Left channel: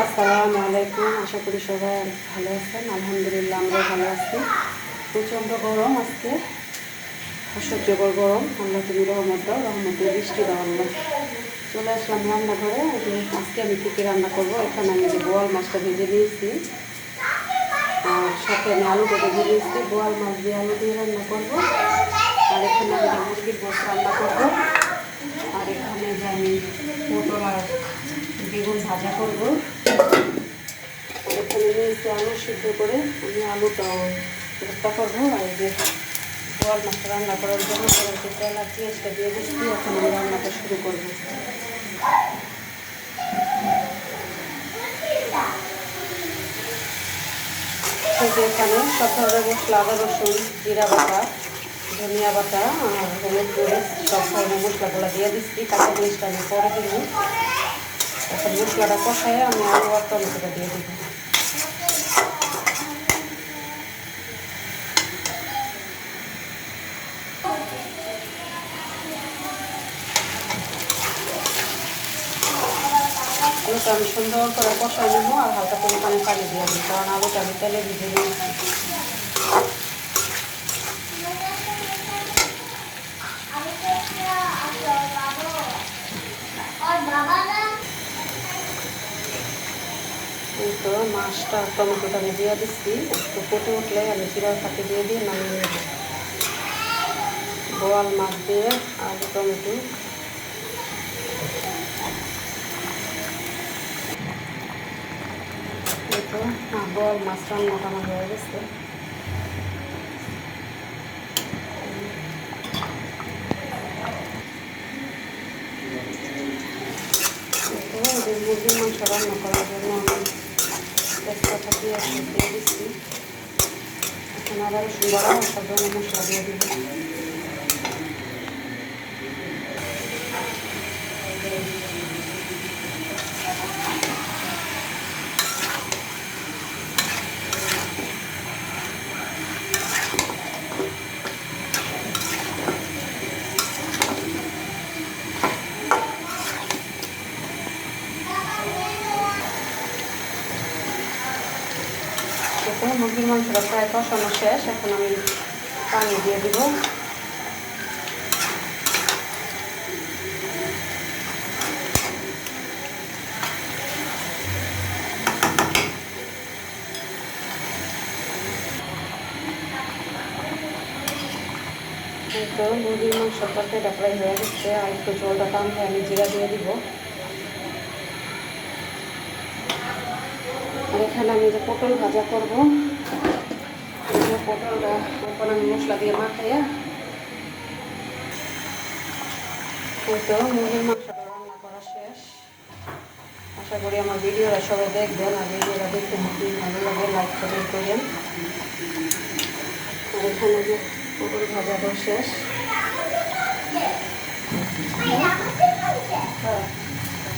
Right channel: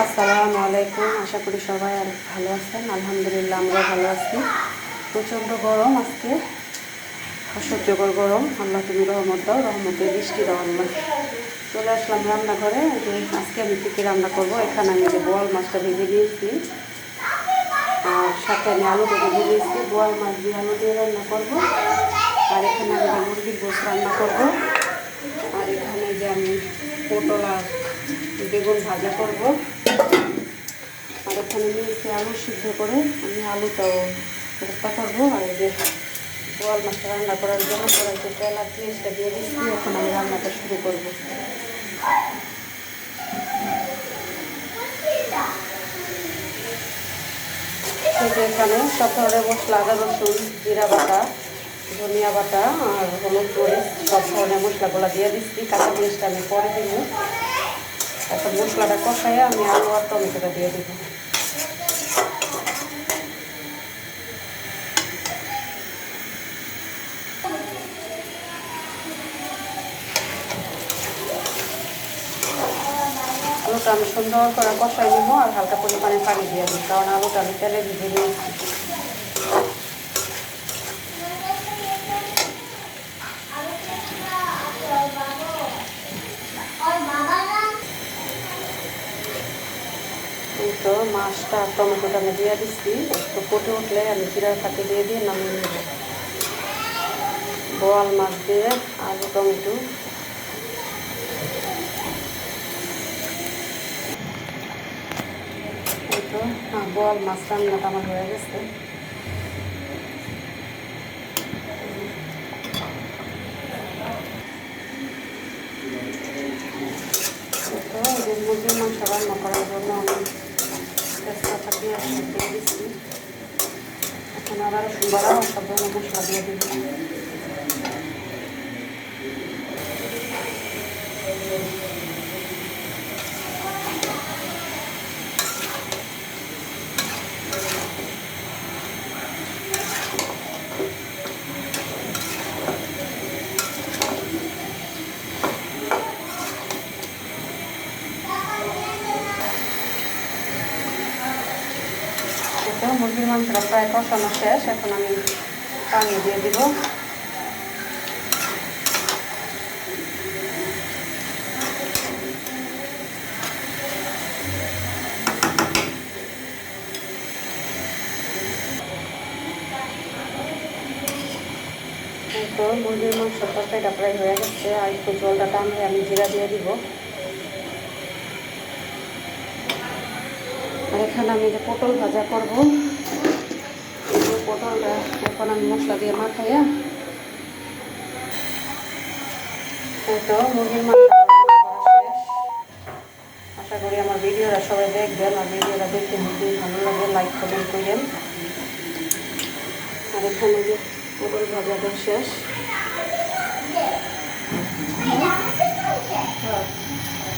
আসসালামু আলাইকুম, আশা করি সবাই আর ভালো আছেন। আলহামদুলিল্লাহ আমরা ভালো আছি। প্রচণ্ড গরম আজকে, অসহ্যকর গরম। আল্লাহ তুমি রহমত দাও রহমতের বৃষ্টি দাও আল্লাহ। চলে আসলাম রান্নাঘরে। আজকে আমি কী রান্না করব, এখানে আমি যে বোয়াল মাছটা ভেজে নিয়েছি। আর সাথে আমি আলু কেটে ভেজে নিয়েছি। বোয়াল মাছ দিয়ে আলু দিয়ে রান্না করব। আর এখানে আমি মুরগির গোস রান্না করব। আর এখানে যে আমি পটল আর বেগুন ভাজা করব। এখানে নিয়েছি আলু সিদ্ধ করে আমি আলুটাও চেষ্টা করব আর এই যে বোয়াল মাছটা রান্না করার জন্য কড়াইতে তেল আর পেঁয়াজটা দিয়ে দিচ্ছি। এখন আমি রান্নাটা শুরু করব। এখানে সব ধরনের মশলা আদা, রসুন, জিরা বাটা, ধনিয়া বাটা আর হলুদ করে সব ধরনের মশলাগুলো দিয়ে দিচ্ছি। কাঁচা মরিচটা আমি পরে দিব। এখন মশলাটা কষায় আমি আলু আর টমেটোটা দিয়ে দেব। আলুটা আমি সুন্দর করে কষাই নেব আর হালকা পরিমাণে পানি দিয়ে দিই, কারণ আলুটা আমি তেলে ভিজে নিয়েছি। তো মাছটা টমেটোটা আমি দিয়ে দিচ্ছি, একটু ফুটে উঠলে আমি জিরার ফাঁকি দিয়ে দিয়ে নামিয়ে নেব। বোয়াল মাছ দিয়ে আলু টমেটো। এই তো বোয়াল মাছ রান্নাটা আমার হয়ে গেছে। মুরগির মাংস রান্না করার জন্য আমি তেজপাতা সব দিয়ে দিচ্ছি। এখন আদা রসুন সব মশলা দিয়ে দিব। তো মুরগির মাংসটা প্রায় কষানো শেষ, এখন আমি পানি দিয়ে দিব। তো মুরগির মাংসের তরকারিটা প্রায় হয়ে গেছে, আর একটু জলটা টানলে আমি জিরা দিয়ে দিব। আর এখানে আমি যে পটল ভাজা করব। পটলটা এখন আমি মশলা দিয়ে মাখাইয়া তো মুরগির মাংস আশা করি আমার ভিডিওটা সবাই দেখবেন আর ভিডিওটা দেখতে যদি ভালো লাগে লাইক কমেন্ট করেন। আর এখানে যে পটল ভাজাটা শেষ। হ্যাঁ।